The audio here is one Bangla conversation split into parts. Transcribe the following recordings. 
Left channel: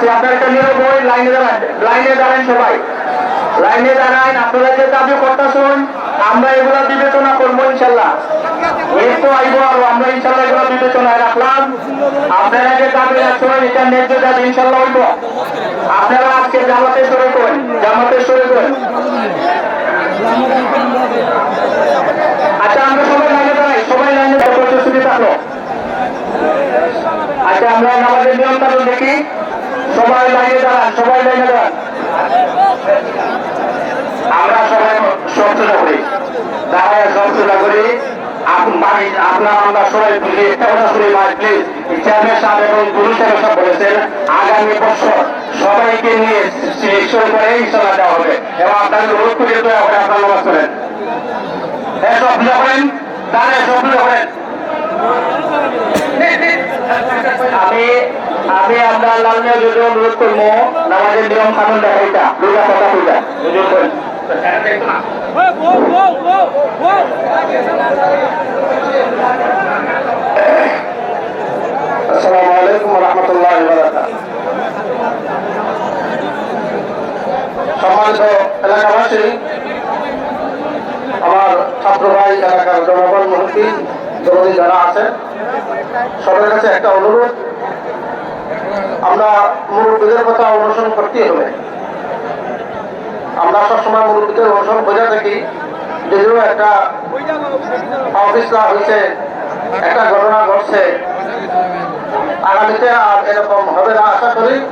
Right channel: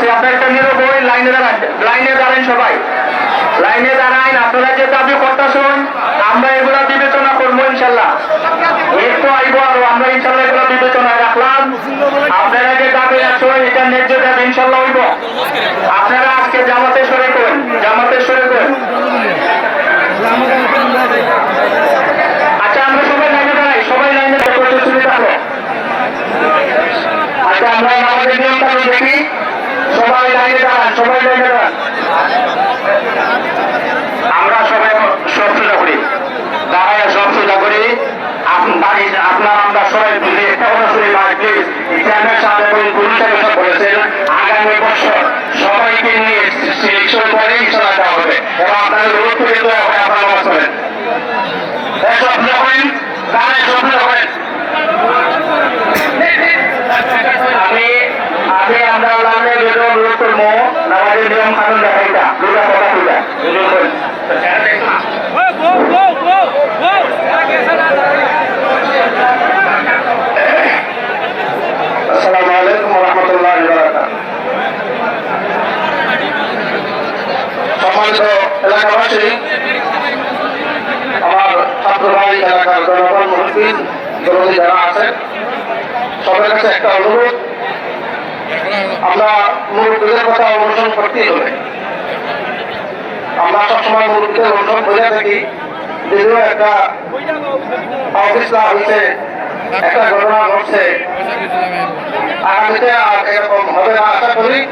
আছে, আপনার একটা নিরবয় লাইনে দাঁড়ান লাইনে দাঁড়ান সবাই। লাইনে দাঁড়ান, আপনারা যে দাবি করতেছেন, আমরা এগুলা বিবেচনা করব ইনশাল্লাহ। আইব আর, আমরা ইনশাল্লাহ এগুলা রাখলাম। আপনারা যে দাবি আছেন এটা দাবি, ইনশাল্লাহ আপনারা আজকে জামাতে সরে করেন জামাতে সরে করেন আচ্ছা আমরা সবাই লাইনে দাঁড়াই, সবাই লাইনে শুরু থাকল আচ্ছা আমরা আমাদের নিয়ম দেখি। আমরা সবাই সব করি। দাঁড়ায় সব সোজা করি আপনার আমরা সবাই বলেছেন, আগামী বছর সবাইকে নিয়ে সিলেকশন করে ইনশাল্লাহ দেওয়া হবে। এবং আপনাদের অনুরোধ করে দেওয়া হবে আপনার করেন সব করেন দাঁড়ায় সব করেন আমি আমি আপনার লাইনে যেটা অনুরোধ আমাদের নিয়ম কানুন কথা আসসালামু আলাইকুম রহমতুল্লাহ সম্মানিত এলাকাবাসী, আমার ছাত্র ভাই এলাকার জনগণ মহসিন দরদি যারা আছেন, সবার কাছে একটা অনুরোধ। আমরা মুরব্বীদের কথা অনুসরণ করতেই হবে। আমরা সবসময় মুরব্বীদের অনুসরণ করে থাকি। যদিও একটা অফিসরা হয়েছে একটা ঘটনা ঘটছে। আগামীতে আর এরকম হবে না। আশা করি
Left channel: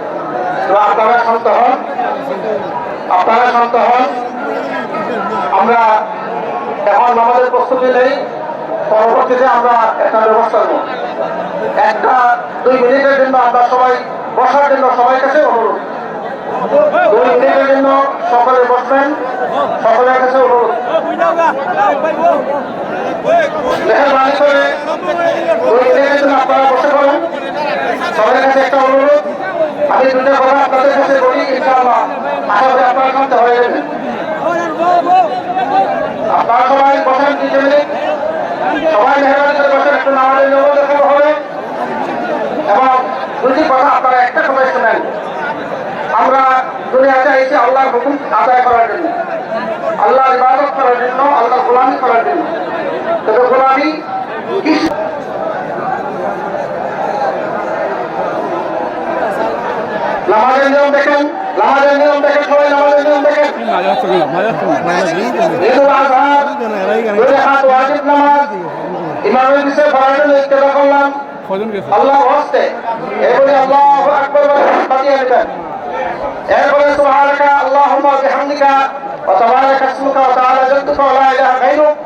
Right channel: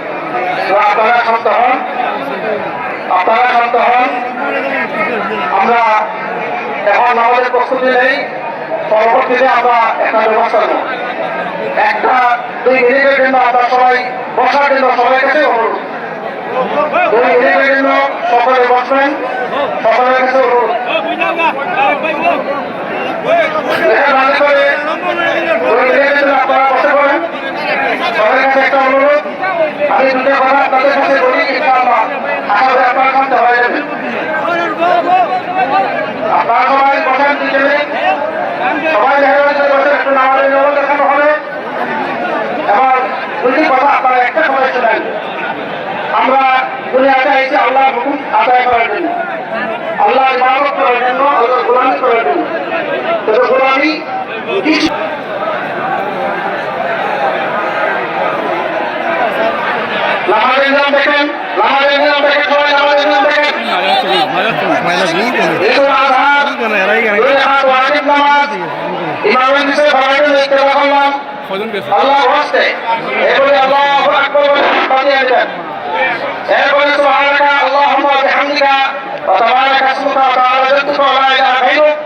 আপনারা শান্ত হন। আপনারা শান্ত হন। আমরা এখন আমাদের প্রস্তুতি নেই। পরবর্তীতে আমরা একটা ব্যবস্থা নেব। একটা, দুই মিনিটের জন্য আমরা সবাই বসার জন্য সবাই কাছে দুই মিনিটের জন্য সকলে বসবেন সকলের কাছে আপনারা বসে আমি সবাই বসেন সবাই মেহরবানি করে বসেন, একটু দেখানো হবে দুটি কথা আপনারা একটা সময় শোনেন আমরা দুনিয়াতে এসে আল্লাহ হুকুম আদায় করার জন্য আল্লাহ ইবাদত করার জন্য আল্লাহ গোলামি করার জন্য। কিন্তু গোলামি দেখেন দেখেন সবাই দেখেন। নামাজ। আল্লাহ হস্তে এবারে আল্লাহ আকবর বলে বাজিয়ে দেন এরপরে সুবহানাকা আল্লাহুম্মা বিহামদিকা ওয়া তাবারাকা ইসমুকা ওয়া তাআলা জাদ্দুকা ওয়া লা ইলাহা গায়রুক